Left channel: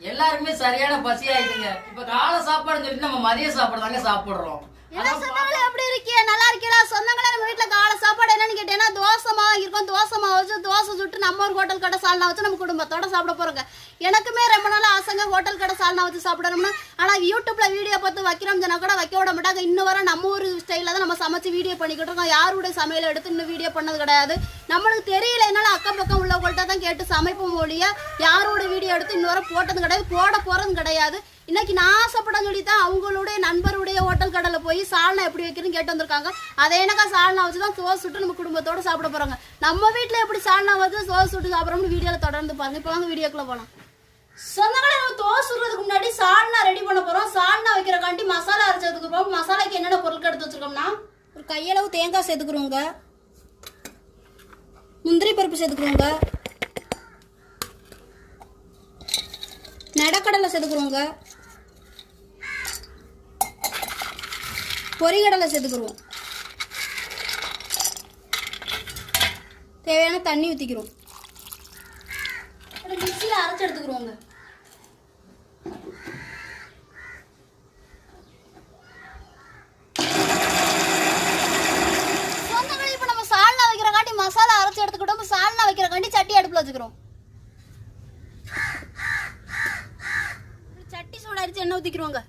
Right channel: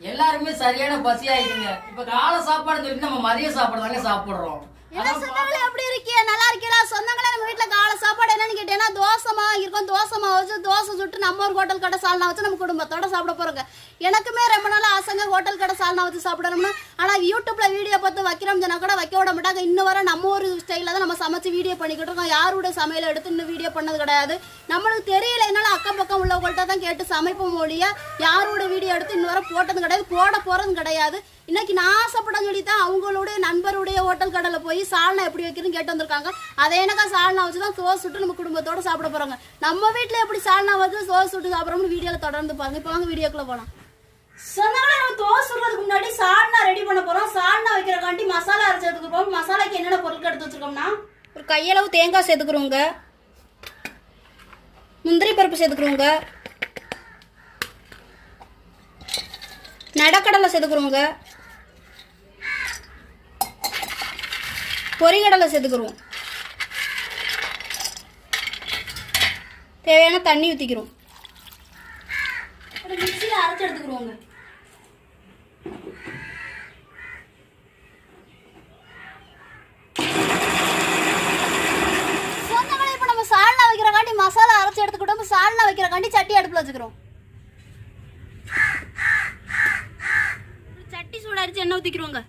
எல்லாருமே சரியான பசி ஆயிடுங்க இப்ப காலை சாப்பாடு சொல்லிட்டு நம்ம மதிய சாப்பாடு தாங்க சாப்பிடுறோம். என்ன சொந்தங்களே எப்படி இருக்கீங்க நல்லா இருக்கீங்களா சொந்தங்களே நம்ம வீட்டில் காலை சாப்பாடு என்னன்னு கேட்டீங்கன்னா தோசைமா இருக்கும். தோசைமா வச்சு தோசை சுட்டு நம்ம ஒரு ஹோட்டல் கடை சால்னா வச்சு நம்ம குடும்பத்தோட சாப்பிட போறோங்க. எனக்குமே ரொம்ப நாள் ஆசைங்க ஹோட்டல் கடை சால்னா வச்சு சாப்பிடணும்னா. ஆனால் யூடியூப்ல வீடியோ பார்த்து வைக்கிறோம் சொன்னா கூட வைக்க விட மாட்டாங்க. இன்னும் வர நம்ம ஒரு ஸ்டைலில் தான் நம்ம சமைச்சு வீடியோ பண்ணிக்கிட்டு இருக்கோம். யாருடைய சமையலை எடுத்து இன்னும் வீடியோ பண்ணது கிடையாது. நம்மளுக்கு தெரியல என்னால அக்கம் பக்கம் உள்ளவங்கள்ட்ட தான் கேட்டு சமைப்போம் மொழியா யாரோட வீடியோ எடுத்து இன்னும் வர போட்டது கிடையாது. போட போறதும் கிடையாது. இன்னைக்கு நான் ஆசைப்படன்னு சொல்லி தான் அவங்களுடைய நண்பருடைய ஹோட்டல் கடையில் போய் சால்னா எப்படி வைக்கிறேன்னு கேட்டு வந்திருக்காங்க. அதே எனக்கா சால்னா வச்சு தான் சோஸ் சுட்டு நம்ம குடும்பத்தோட சாப்பிட போறாங்க. நம்ம வீட்டில் எப்படி சால்னா வச்சு சோஸ் சுட்டு சாப்பிட்றோம்னு வீடியோவில் தொடர்ந்து பாருங்க. இப்போ வாங்க வீடியோக்குள்ளே போகலாம் சொன்னாங்களே நம்ம தோசை சுடுறதுக்கு முன்னாடி சால்னா ரெடி பண்ண போறோம். சால்னா வைக்கிறக்காண்டி மசாலா அரைச்சதுக்கு போறோம் மசாலாக்கு என்னென்ன பொருட்கள் எடுத்து வச்சிருக்கோம்னா? ஒரு கையளவு தேங்காய் சேர்த்துக்கிறோங்க. முந்திரி பருப்பு சேர்த்துக்கிறோங்க. நடக்கடலை சேர்த்துக்கிறோங்க. பொரிகடலை சேர்த்துக்கிறோம் தேவையான தண்ணி ஊற்றிக்கிறோம் மிக்சியில் அரைச்சி எடுத்துக்கிறோங்க இப்போ நம்ம சால்னா வைக்கிறக்காண்டி மசாலா அரைச்சி எடுத்துக்கிட்டோம். சால்னா வைக்கிறக்காண்டி சட்டி அடுப்பில் வச்சுக்கிறோம் சட்டி சூடாரிச்சு எண்ணெய் ஊற்றிக்கிறோங்க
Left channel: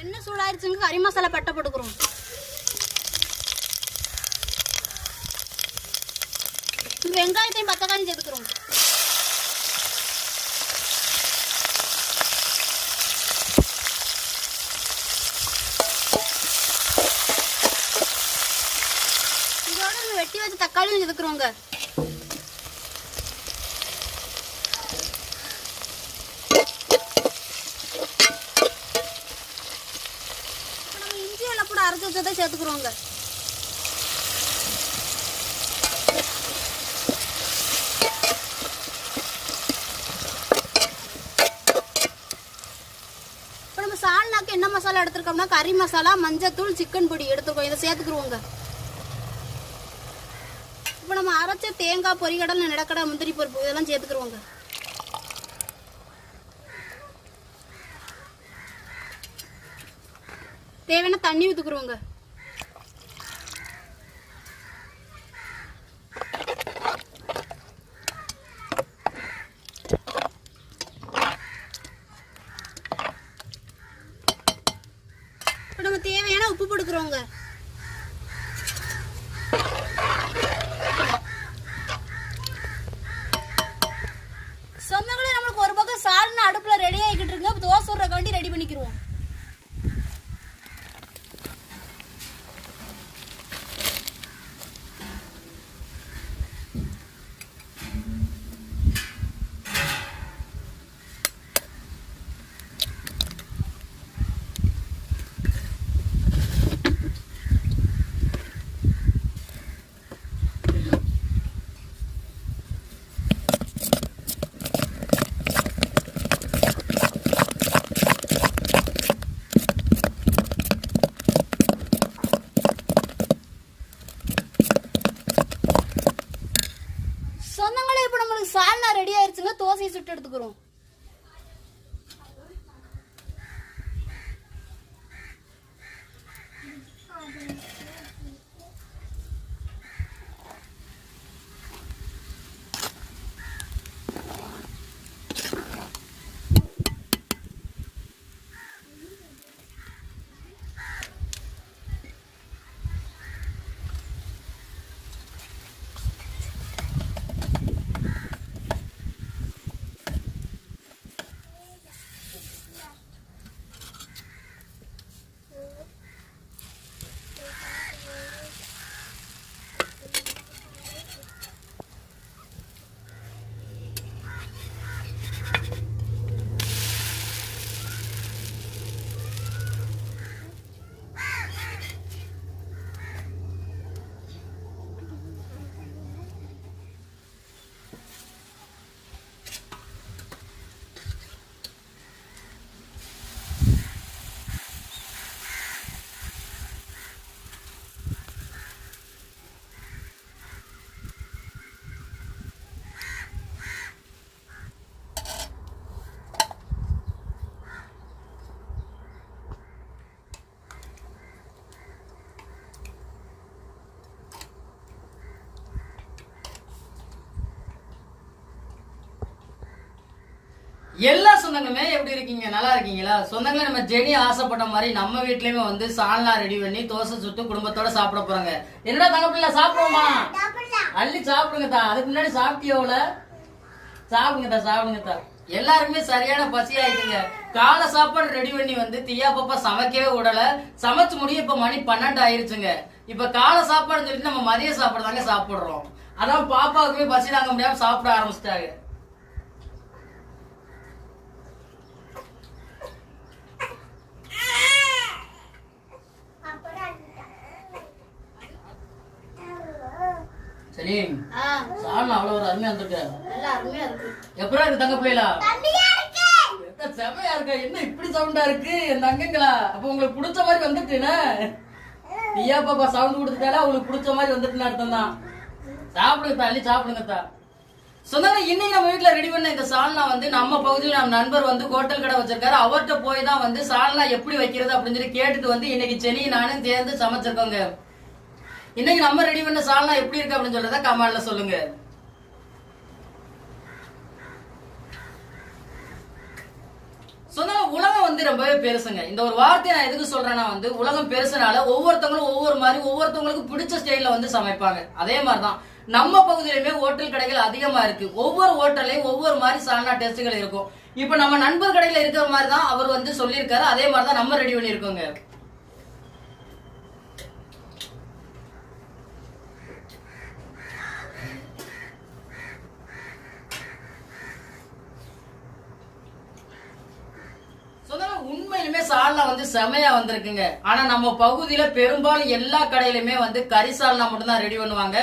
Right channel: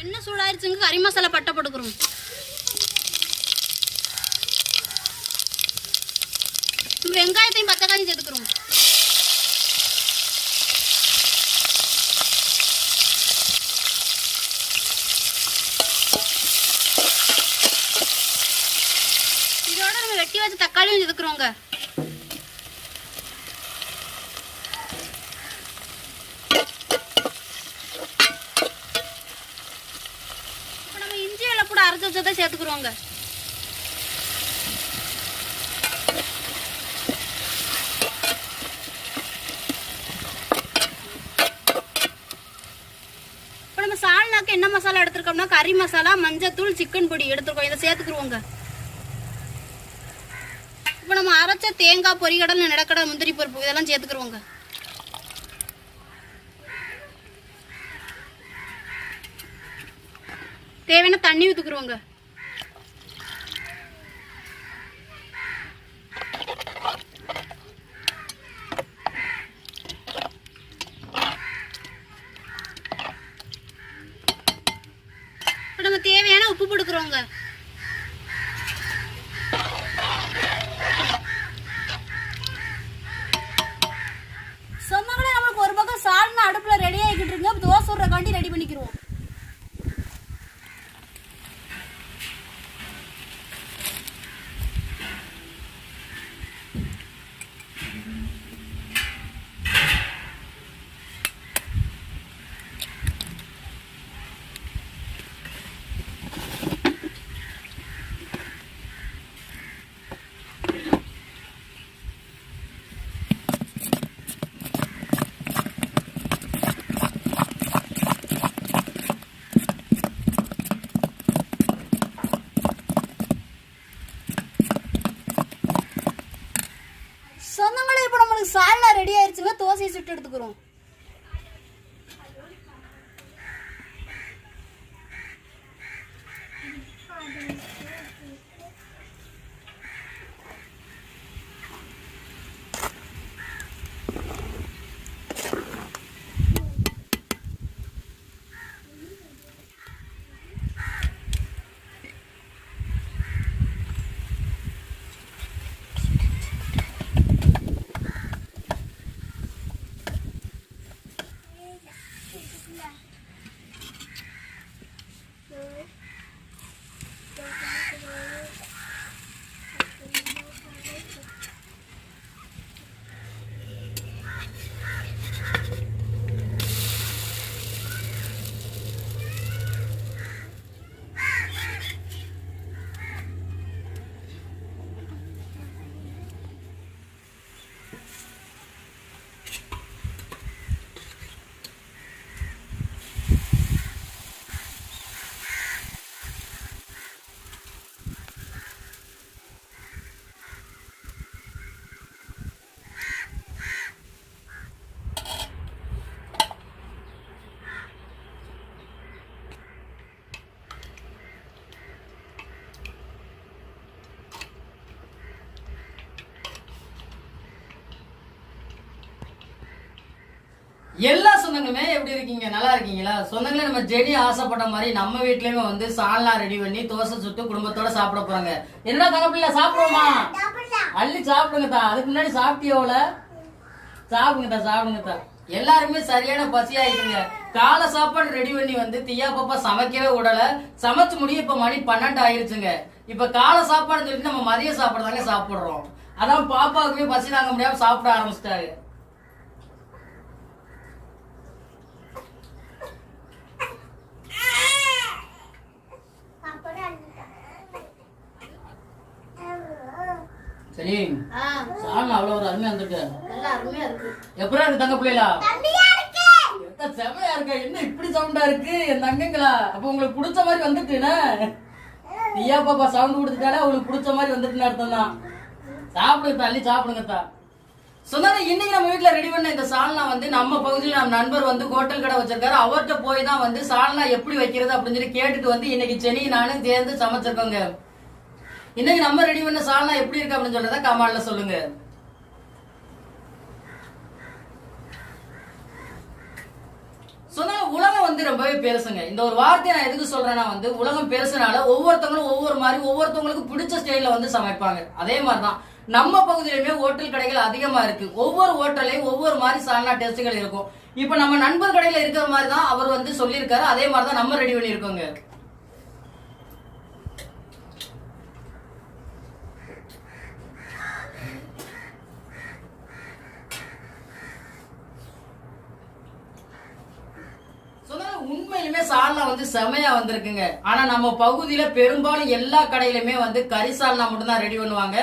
எண்ணெய் சூடாயிருச்சுங்க? கறி மசாலா பட்டை போட்டுக்கிறோம். வெங்காயத்தையும் பத்தக்காயும் சேர்த்துக்கிறோம். இதோட நம்ம வெட்டி வச்ச தக்காளியும் சேர்த்துக்கிறோங்க இப்போ நம்ம இஞ்சி எல்லாம் கூட அரைச்சி வச்சதை சேர்த்துக்குறோங்க இப்போ நம்ம சால்னாக்கு என்ன மசாலா எடுத்துருக்கோம்னா கறி மசாலா மஞ்சத்தூள் சிக்கன் பொடி எடுத்துருக்கோம். இதை சேர்த்துக்குருவோங்க. இப்போ நம்ம அரைச்ச தேங்காய் பொரிகடல் நடக்கடா முந்திரி பருப்பு இதெல்லாம் சேர்த்துக்குருவோங்க. தேவையான தண்ணி ஊற்றுக்குருவோங்க நம்ம தேவையான உப்பு போட்டுக்கிறோங்க. சொன்னாங்களே நம்மளுக்கு ஒரு பக்கம் சால்னா அடுப்புல ரெடி ஆகிக்கிட்டு இருக்கு. அப்ப தோசை விடுறக்காண்டி ரெடி பண்ணிக்கிடுவோம் சொந்தங்களே இப்போ நம்மளுக்கு சால்னா ரெடி ஆயிருச்சுங்க தோசையை சுட்டு எடுத்துக்கிறோம். எல்லா சொந்தங்களுமே எப்படி இருக்கீங்க? நல்லா இருக்கீங்களா? சொந்தங்களே நம்ம ஜெனி ஆசைப்பட்ட மாதிரி நம்ம வீட்லயுமே வந்து சால்னா ரெடி பண்ணி தோசை சுட்டு குடும்பத்தோட சாப்பிட போறாங்க. என்னடா தங்க பிள்ளை சாப்பிடுவோமா? அள்ளி சாப்பிடுங்கத்தா அதுக்கு முன்னாடி சாப்பிட்டியோல சாப்பிடுங்கத்தா சாப்பிடுங்கத்தா எல்லாருமே சரியான பசி இருக்குங்க காலை சாப்பாடு ரெடி பண்ணி வந்து தியா பாப்பா சமைக்கவே விடல. சமைச்சு முடிய இப்ப மணி பன்னெண்டு ஆயிருச்சுங்க. இப்ப காலை சாப்பாடு சொல்லிட்டு நம்ம மதிய சாப்பாடு தாங்க சாப்பிடுறோம். அதான் பாப்பாவுக்கு பசி தாங்க முடியாம சாப்பிட ஆரம்பிச்சிட்டாங்க. சரி. சாப்பிட அவ்வளவு ஒரு அருமையா வந்திருக்கு. நல்லா அருமையா இருக்கு. எப்படா இருக்கு தங்க பிள்ளைகளா? செமையா இருக்கா. என்ன இப்படி சவுண்டா இருக்கு? என் தங்கங்களா. அப்ப உங்களுக்கு பிடிச்ச மாதிரி வந்துட்டுனா ஐயா பாப்பா சவுண்ட் கொடுத்துட்டாலே உங்களுக்கு பிடிச்ச மாதிரி வந்துட்டுன்னு அர்த்தம் தான். சாப்பிடுங்க தள்ளி சாப்பிடுங்க தா சொன்னாங்க இன்னைக்கு நம்ம வீட்ல ரெடி பண்ண இந்த சால்னா வந்து நம்ம பகுதியில் நம்ம நண்பர் வந்து ஹோட்டல் கடை வச்சிருக்காரு. அவர்கிட்ட போய் தான் வந்து சால்னா எப்படி வைக்கிறது அப்படின்னு சொல்லி கேட்டுட்டு வந்து இன்னைக்கு செனி நானும் சேர்ந்து சமைச்சிருக்கோங்க. இன்னைக்கு நம்ம ரெடி பண்ண சால்னா எப்படி இருக்கு அப்படின்னு சொல்றத கமால்ல சொல்லுங்க. சொன்னா உலகம் வந்து ரொம்பவே பெருசுங்க. இந்த ஒரு வார்த்தையை நான் எதுக்கு சொல்றேன்னா வந்து உலகம் பெருசுனால ஒவ்வொருத்தவங்களும் ஒவ்வொரு மாதிரி ஒவ்வொருத்தவங்களுக்கு பிடிச்ச ஸ்டைல வந்து சமைப்பாங்க. அதே மாதிரிதான். நம்ம பகுதியிலுமே ஹோட்டல் கடைகள் அதிகமா இருக்கு. ஒவ்வொரு ஹோட்டலையும் ஒவ்வொரு மாதிரி சால்னா டேஸ்ட்டுகள் இருக்கும். இப்ப நம்ம நண்பர் கடையில இருக்கிற மாதிரி தான் அவர் வந்து சொல்லியிருக்காரு. அதே மாதிரி தான் நம்ம ரெடி பண்ணியிருக்கோங்க சொன்னாங்க உண்மையிலுமே சால்னா வந்து செமையா வந்திருக்குங்க. ஆனா நம்ம பகுதியில பெரும்பாலும் எல்லா கடையிலுமே வந்து கறி சால்னா மட்டும்தான் ரெடி பண்ணுவாங்க.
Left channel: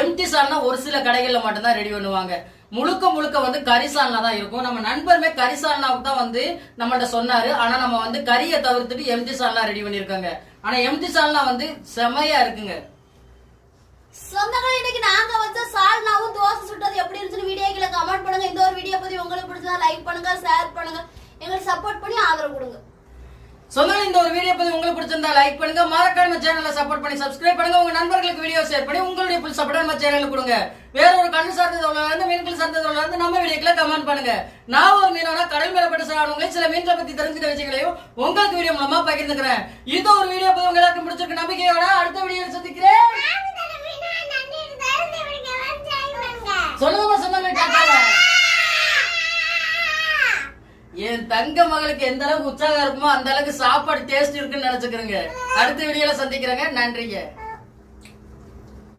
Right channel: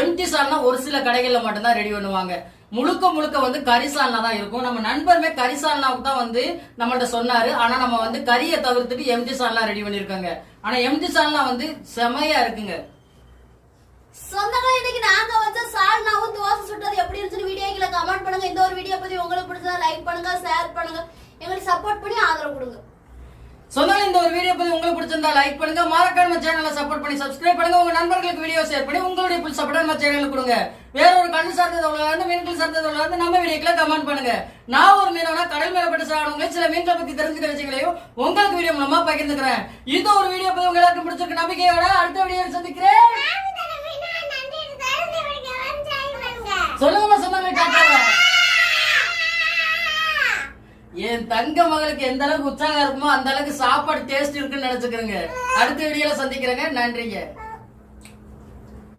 எம்டி சால்னா ஒரு சில கடைகள்ல மட்டும்தான் ரெடி பண்ணுவாங்க. முழுக்க முழுக்க வந்து கரிசால்னா தான் இருக்கும். நம்ம நண்பருமே கரிசால்னாவுக்கு தான் வந்து நம்மள்ட்ட சொன்னாரு. ஆனா நம்ம வந்து கறியை தவிர்த்துட்டு எம்டி சால்னா ரெடி பண்ணிருக்காங்க ஆனா எம்டி சால்னா வந்து செமையா இருக்குங்க. சொந்தங்கள் இன்னைக்கு நாங்க வச்ச சால்னாவும் தோசை சுட்டது எப்படி இருந்துச்சுன்னு வீடியோக்களை கமெண்ட் பண்ணுங்க. இந்த ஒரு வீடியோ பத்தி உங்களுக்கு பிடிச்சதா லைக் பண்ணுங்க ஷேர் பண்ணுங்க. எங்களுக்கு சப்போர்ட் பண்ணி ஆதரவு கொடுங்க. சொந்தங்கள் இந்த ஒரு வீடியோ பத்தி உங்களுக்கு பிடிச்சிருந்தா லைக் பண்ணுங்க. மறக்காம சேனலை சப்போர்ட் பண்ணி சப்ஸ்கிரைப் பண்ணுங்க. உங்க நண்பர்களுக்கு வீடியோ ஷேர் பண்ணி உங்களுடைய புது சப்போர்ட் நம்ம சேனலுக்கு கொடுங்க. வேற ஒரு கண்ணு சார்ந்ததவங்களா இருந்து மீன்கள் சார்ந்ததுல இருந்து நம்ம வீடியோக்களை கமெண்ட் பண்ணுங்க. நான் ஒரு மீனவனா கடல் மேல பட்டு சாடுவங்க சில மீன்களை பத்தி தெரிஞ்சுக்கிற விஷயங்களையும் உங்களுக்கு வீடியோ மூலமா பகிர்ந்துக்கிறேன். இது ஒரு வீடியோ பத்தி உங்களுக்கு எல்லாருக்கும் பிடிச்சிருக்கு. நம்பிக்கையோட அடுத்த வீடியோ சந்திக்கிறேன். என் தங்க மகளுக்கு எந்த அளவுக்கு உற்சாகம் இருக்குமோ அந்த அளவுக்கு சாப்பாடு டேஸ்ட் இருக்குன்னு நினைச்சுக்கிறேங்க. அடுத்த வீடியோல சந்திக்கிறேங்க. நன்றிங்க.